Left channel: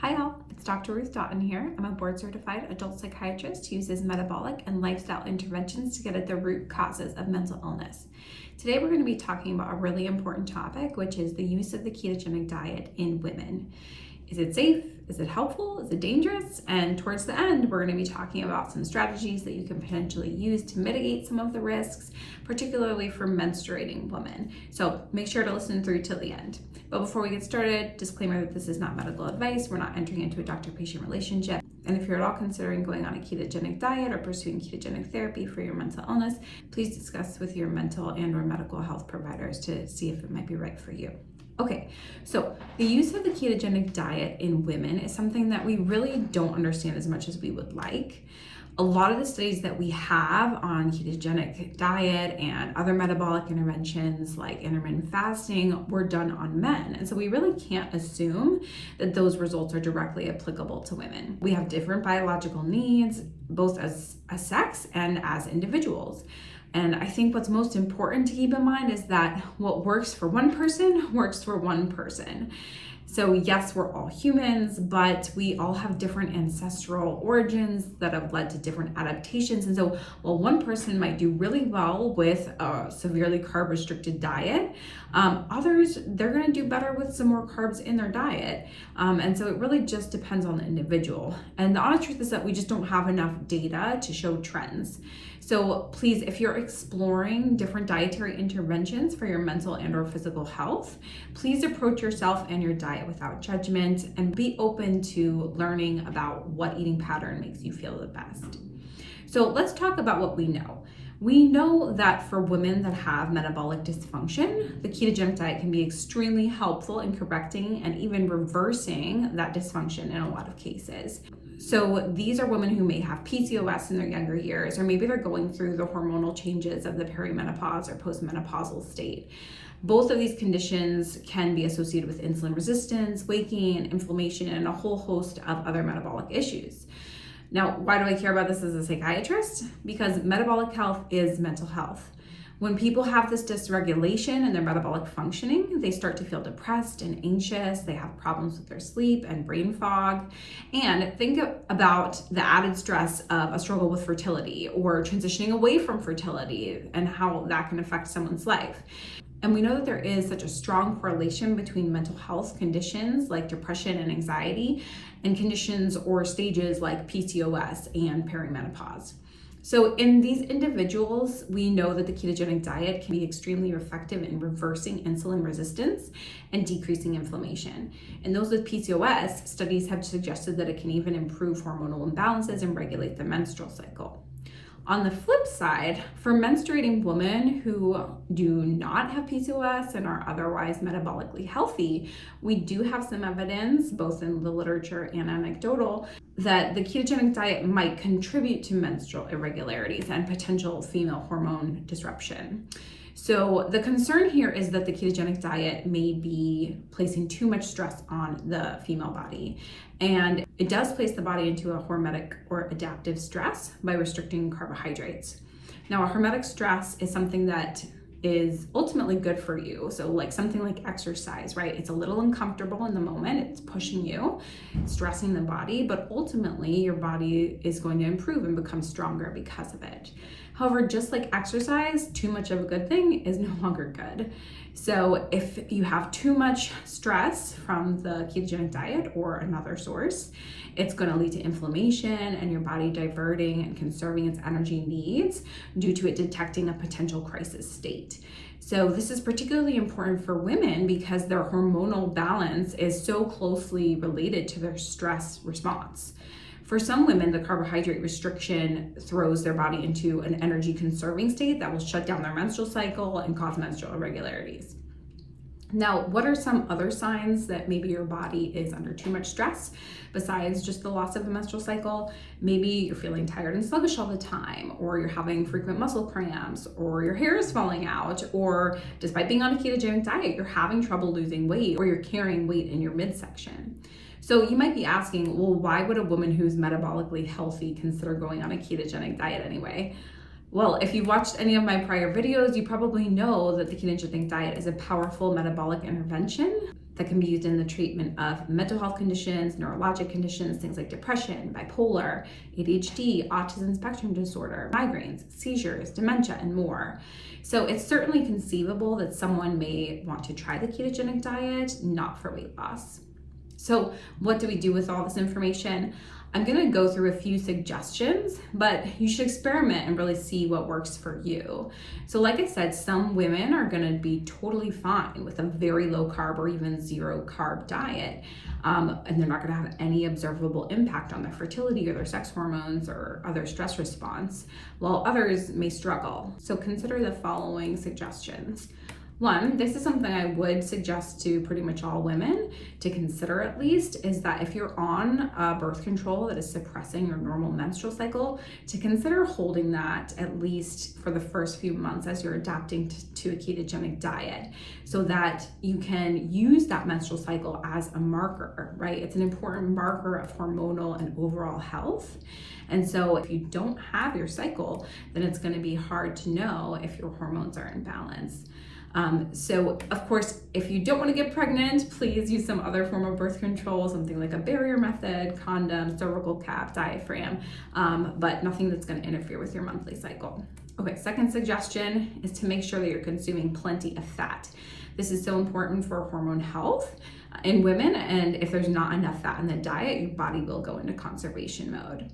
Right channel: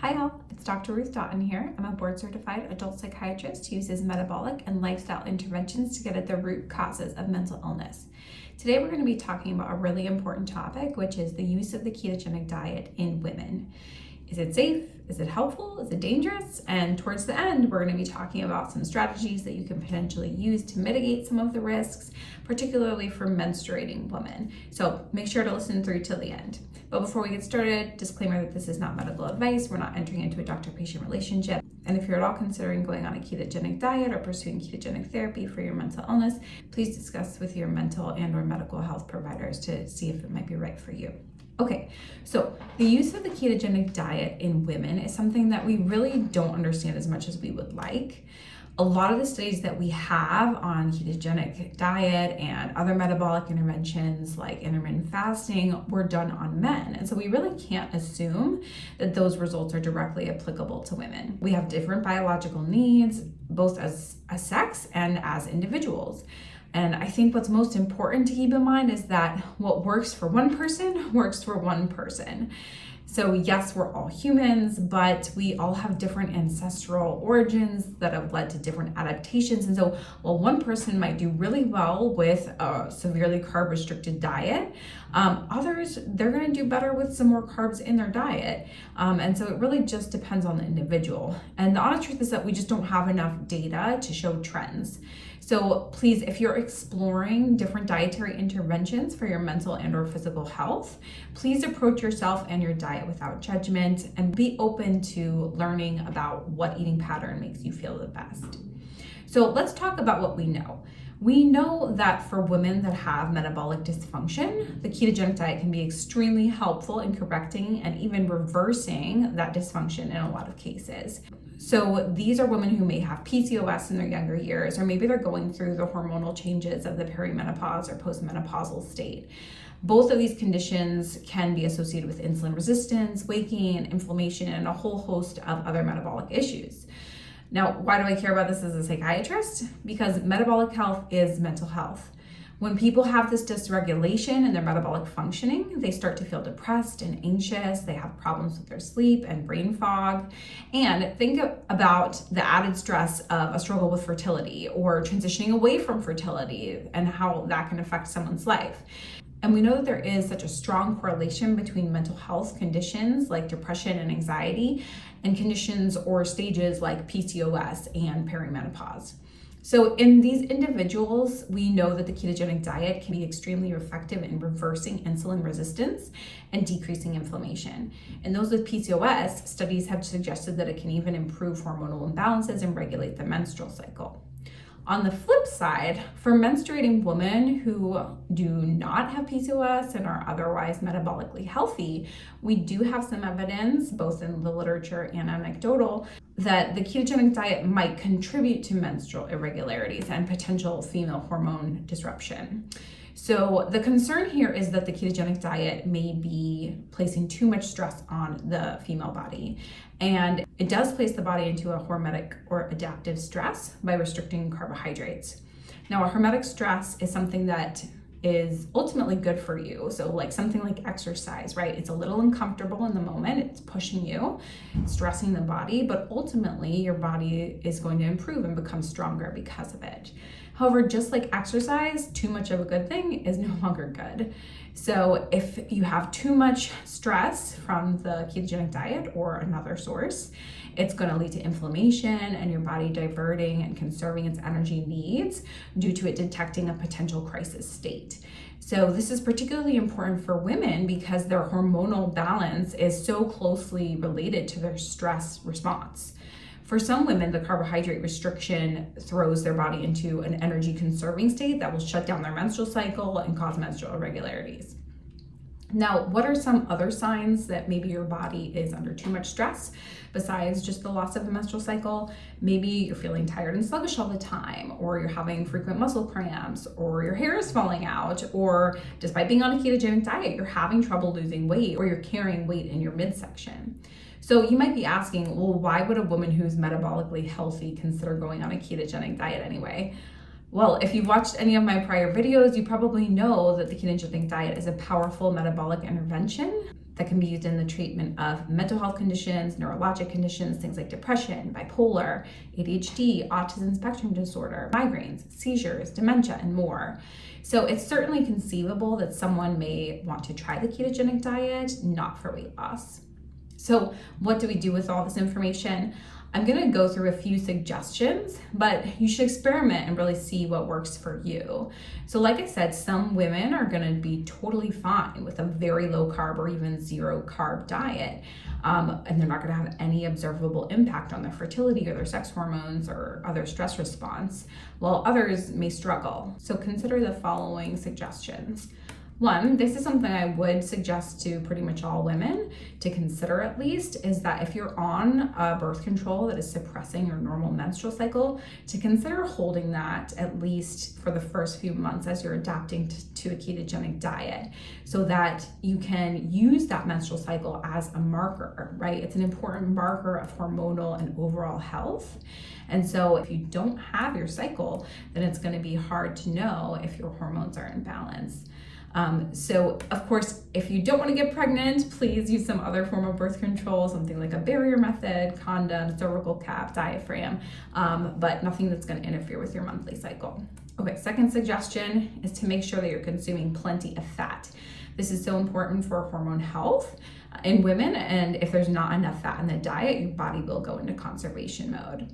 Hi all, it's Dr. Ruth Doughton here. I'm a board-certified adult psychiatrist who uses metabolic and lifestyle interventions to get at the root causes of mental illness. Today we're going to be talking about a really important topic, which is the use of the ketogenic diet in women. Is it safe? Is it helpful? Is it dangerous? And towards the end, we're going to be talking about some strategies that you can potentially use to mitigate some of the risks, particularly for menstruating women. So make sure to listen through till the end. But before we get started, disclaimer that this is not medical advice. We're not entering into a doctor-patient relationship. And if you're at all considering going on a ketogenic diet or pursuing ketogenic therapy for your mental illness, please discuss with your mental and/or medical health providers to see if it might be right for you. Okay, so the use of the ketogenic diet in women is something that we really don't understand as much as we would like. A lot of the studies that we have on ketogenic diet and other metabolic interventions like intermittent fasting were done on men. And so we really can't assume that those results are directly applicable to women. We have different biological needs, both as a sex and as individuals. And I think what's most important to keep in mind is that what works for one person works for one person. So yes, we're all humans, but we all have different ancestral origins that have led to different adaptations. And so while one person might do really well with a severely carb restricted diet, others, they're gonna do better with some more carbs in their diet. And so it really just depends on the individual. And the honest truth is that we just don't have enough data to show trends. So please, if you're exploring different dietary interventions for your mental and/or physical health, please approach yourself and your diet without judgment and be open to learning about what eating pattern makes you feel the best. So let's talk about what we know. We know that for women that have metabolic dysfunction, the ketogenic diet can be extremely helpful in correcting and even reversing that dysfunction in a lot of cases. So these are women who may have PCOS in their younger years, or maybe they're going through the hormonal changes of the perimenopause or postmenopausal state. Both of these conditions can be associated with insulin resistance, weight gain, inflammation, and a whole host of other metabolic issues. Now, why do I care about this as a psychiatrist? Because metabolic health is mental health. When people have this dysregulation in their metabolic functioning, they start to feel depressed and anxious. They have problems with their sleep and brain fog. And think about the added stress of a struggle with fertility or transitioning away from fertility and how that can affect someone's life. And we know that there is such a strong correlation between mental health conditions like depression and anxiety and conditions or stages like PCOS and perimenopause. So in these individuals, we know that the ketogenic diet can be extremely effective in reversing insulin resistance and decreasing inflammation. And those with PCOS, studies have suggested that it can even improve hormonal imbalances and regulate the menstrual cycle. On the flip side, for menstruating women who do not have PCOS and are otherwise metabolically healthy, we do have some evidence, both in the literature and anecdotal, that the ketogenic diet might contribute to menstrual irregularities and potential female hormone disruption. So the concern here is that the ketogenic diet may be placing too much stress on the female body. And it does place the body into a hormetic or adaptive stress by restricting carbohydrates. Now, a hormetic stress is something that is ultimately good for you. So like something like exercise, right? It's a little uncomfortable in the moment. It's pushing you, it's stressing the body, but ultimately your body is going to improve and become stronger because of it. However, just like exercise, too much of a good thing is no longer good. So if you have too much stress from the ketogenic diet or another source, it's going to lead to inflammation and your body diverting and conserving its energy needs due to it detecting a potential crisis state. So this is particularly important for women because their hormonal balance is so closely related to their stress response. For some women, the carbohydrate restriction throws their body into an energy conserving state that will shut down their menstrual cycle and cause menstrual irregularities. Now, what are some other signs that maybe your body is under too much stress besides just the loss of a menstrual cycle? Maybe you're feeling tired and sluggish all the time, or you're having frequent muscle cramps, or your hair is falling out, or despite being on a ketogenic diet, you're having trouble losing weight, or you're carrying weight in your midsection. So you might be asking, well, why would a woman who's metabolically healthy consider going on a ketogenic diet anyway? Well, if you've watched any of my prior videos, you probably know that the ketogenic diet is a powerful metabolic intervention that can be used in the treatment of mental health conditions, neurologic conditions, things like depression, bipolar, ADHD, autism spectrum disorder, migraines, seizures, dementia, and more. So it's certainly conceivable that someone may want to try the ketogenic diet, not for weight loss. So what do we do with all this information? I'm going to go through a few suggestions, but you should experiment and really see what works for you. So like I said, some women are going to be totally fine with a very low carb or even zero carb diet. And they're not going to have any observable impact on their fertility or their sex hormones or other stress response, while others may struggle. So consider the following suggestions. One, this is something I would suggest to pretty much all women to consider at least, is that if you're on a birth control that is suppressing your normal menstrual cycle, to consider holding that at least for the first few months as you're adapting to a ketogenic diet, so that you can use that menstrual cycle as a marker, right? It's an important marker of hormonal and overall health. And so if you don't have your cycle, then it's going to be hard to know if your hormones are in balance. So of course, if you don't want to get pregnant, please use some other form of birth control, something like a barrier method, condom, cervical cap, diaphragm, but nothing that's going to interfere with your monthly cycle. Okay, second suggestion is to make sure that you're consuming plenty of fat. This is so important for hormone health in women, and if there's not enough fat in the diet, your body will go into conservation mode.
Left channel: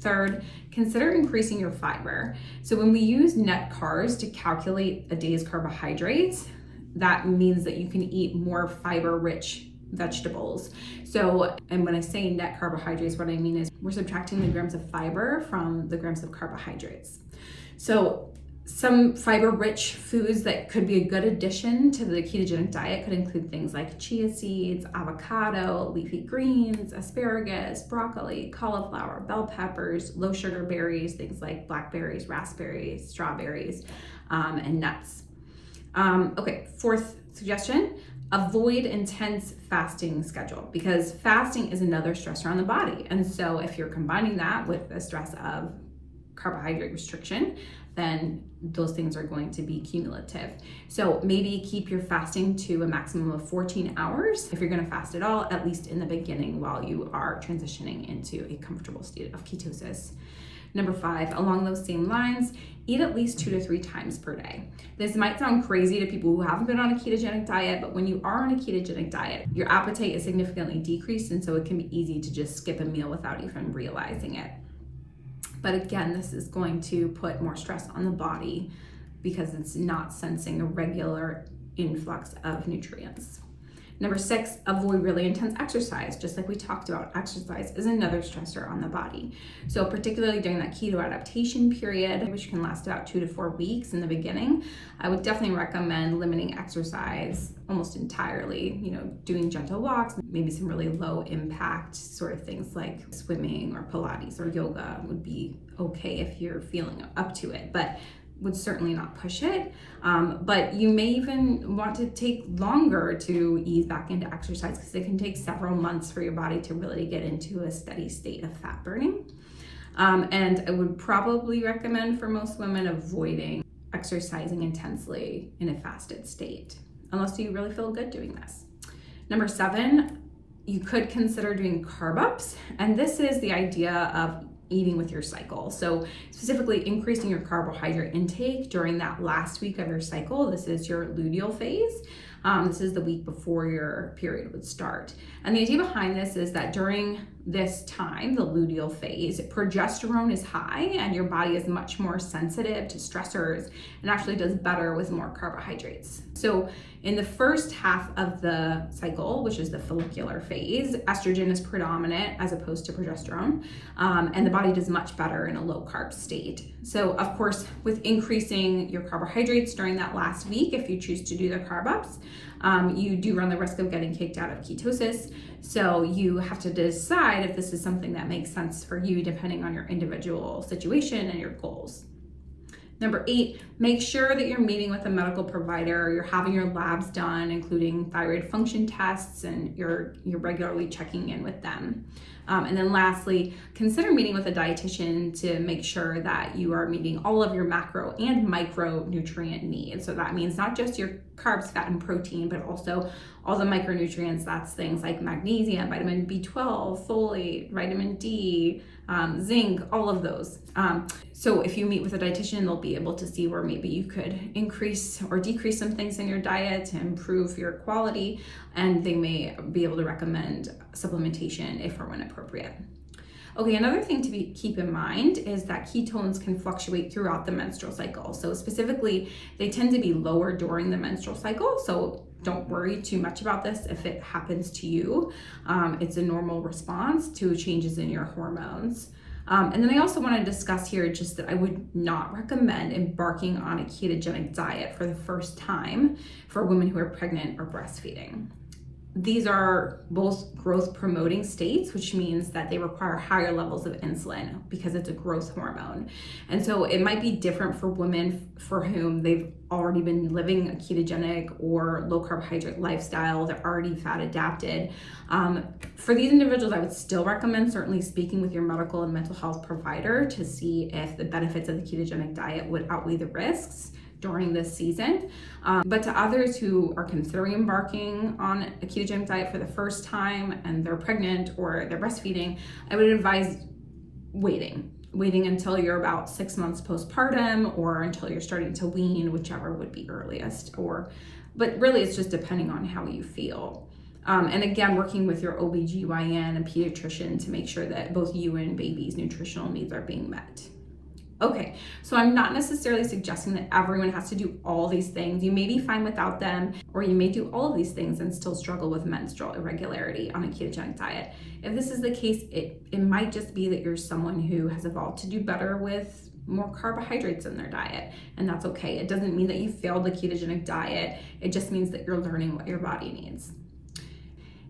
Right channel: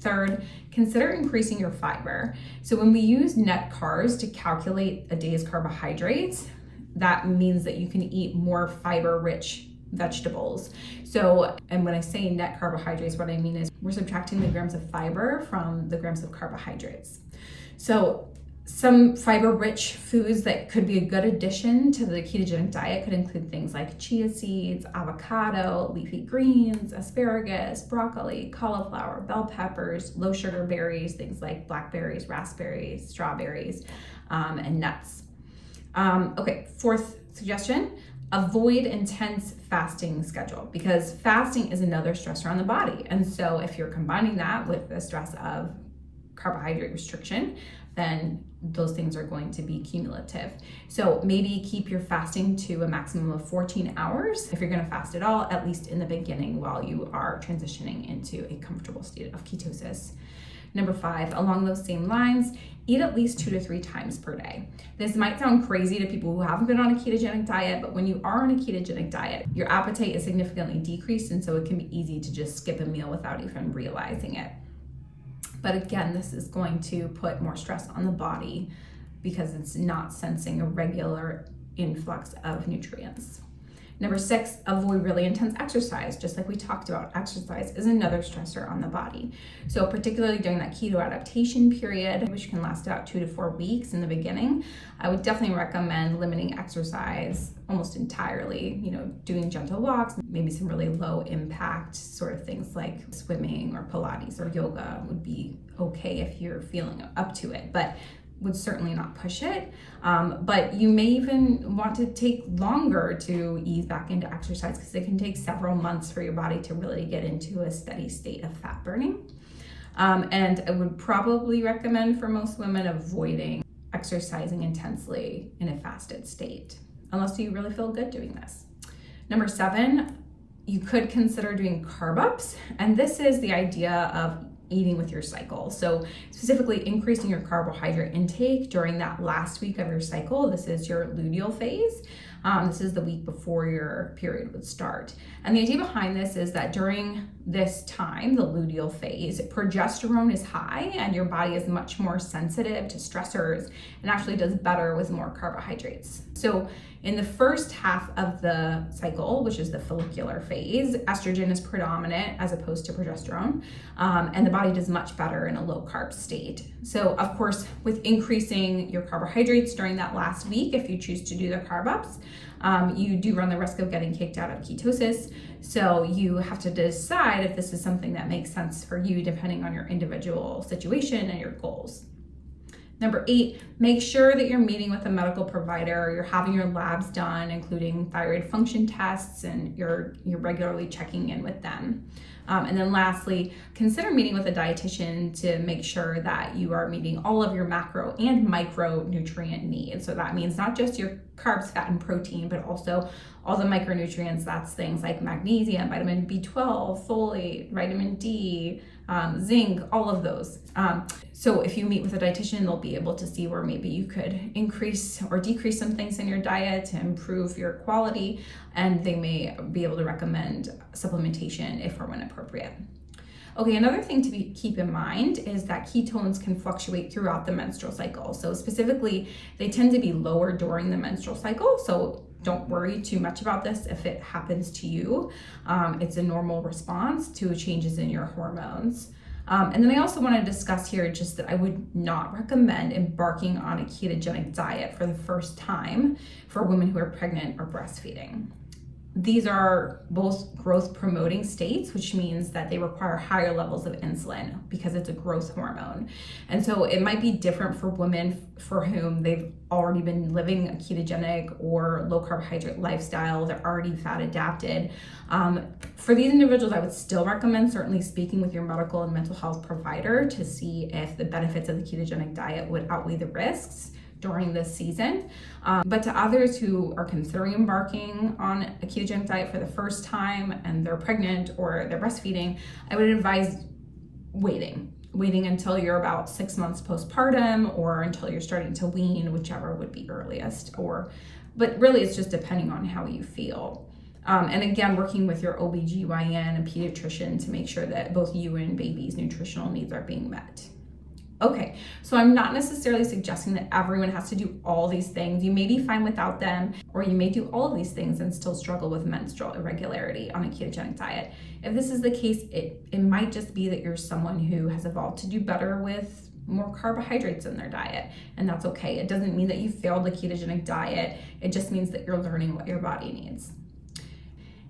Third, consider increasing your fiber. So when we use net carbs to calculate a day's carbohydrates, that means that you can eat more fiber-rich vegetables. So, and when I say net carbohydrates, what I mean is we're subtracting the grams of fiber from the grams of carbohydrates. So some fiber-rich foods that could be a good addition to the ketogenic diet could include things like chia seeds, avocado, leafy greens, asparagus, broccoli, cauliflower, bell peppers, low sugar berries, things like blackberries, raspberries, strawberries, and nuts. Okay, fourth suggestion, avoid intense fasting schedule, because fasting is another stressor on the body. And so if you're combining that with the stress of carbohydrate restriction, then those things are going to be cumulative. So maybe keep your fasting to a maximum of 14 hours. If you're going to fast at all, at least in the beginning while you are transitioning into a comfortable state of ketosis. Number 5, along those same lines, eat at least 2 to 3 times per day. This might sound crazy to people who haven't been on a ketogenic diet, but when you are on a ketogenic diet, your appetite is significantly decreased, and so it can be easy to just skip a meal without even realizing it. But again, this is going to put more stress on the body because it's not sensing a regular influx of nutrients. Number 6, avoid really intense exercise. Just like we talked about, exercise is another stressor on the body. So particularly during that keto adaptation period, which can last about 2 to 4 weeks in the beginning, I would definitely recommend limiting exercise almost entirely, doing gentle walks, maybe some really low impact sort of things like swimming or Pilates or yoga would be okay if you're feeling up to it, but would certainly not push it. But you may even want to take longer to ease back into exercise because it can take several months for your body to really get into a steady state of fat burning. And I would probably recommend for most women avoiding exercising intensely in a fasted state, unless you really feel good doing this. Number 7, you could consider doing Carbups. And this is the idea of eating with your cycle. So specifically increasing your carbohydrate intake during that last week of your cycle. This is your luteal phase. This is the week before your period would start. And the idea behind this is that during this time, the luteal phase, progesterone is high and your body is much more sensitive to stressors and actually does better with more carbohydrates. So in the first half of the cycle, which is the follicular phase, estrogen is predominant as opposed to progesterone, and the body does much better in a low carb state. So of course, with increasing your carbohydrates during that last week, if you choose to do the Carbups, you do run the risk of getting kicked out of ketosis. So you have to decide if this is something that makes sense for you depending on your individual situation and your goals. Number 8, make sure that you're meeting with a medical provider, you're having your labs done, including thyroid function tests, and you're regularly checking in with them. And then lastly, consider meeting with a dietitian to make sure that you are meeting all of your macro and micronutrient needs. So that means not just your carbs, fat, and protein, but also all the micronutrients, that's things like magnesium, vitamin B12, folate, vitamin D, zinc, all of those. So if you meet with a dietitian, they'll be able to see where maybe you could increase or decrease some things in your diet to improve your quality, and they may be able to recommend supplementation if or when appropriate. Okay, another thing to keep in mind is that ketones can fluctuate throughout the menstrual cycle. So specifically, they tend to be lower during the menstrual cycle. So don't worry too much about this if it happens to you. It's a normal response to changes in your hormones. And then I also want to discuss here just that I would not recommend embarking on a ketogenic diet for the first time for women who are pregnant or breastfeeding. These are both growth promoting states, which means that they require higher levels of insulin because it's a growth hormone. And so it might be different for women for whom they've already been living a ketogenic or low carbohydrate lifestyle. They're already fat adapted. For these individuals, I would still recommend certainly speaking with your medical and mental health provider to see if the benefits of the ketogenic diet would outweigh the risks during this season. But to others who are considering embarking on a ketogenic diet for the first time and they're pregnant or they're breastfeeding, I would advise waiting until you're about 6 months postpartum or until you're starting to wean, whichever would be earliest. But really it's just depending on how you feel. And again, working with your OBGYN and pediatrician to make sure that both you and baby's nutritional needs are being met. Okay, so I'm not necessarily suggesting that everyone has to do all these things. You may be fine without them, or you may do all of these things and still struggle with menstrual irregularity on a ketogenic diet. If this is the case, it might just be that you're someone who has evolved to do better with more carbohydrates in their diet, and that's okay. It doesn't mean that you failed the ketogenic diet. It just means that you're learning what your body needs.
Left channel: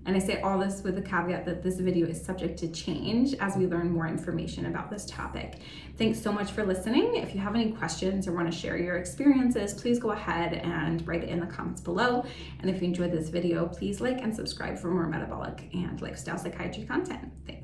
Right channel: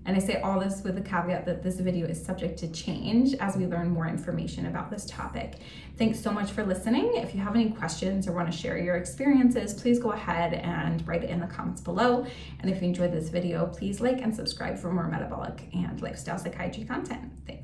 And I say all this with the caveat that this video is subject to change as we learn more information about this topic. Thanks so much for listening. If you have any questions or want to share your experiences, please go ahead and write it in the comments below. And if you enjoyed this video, please like and subscribe for more metabolic and lifestyle psychiatry content. Thanks.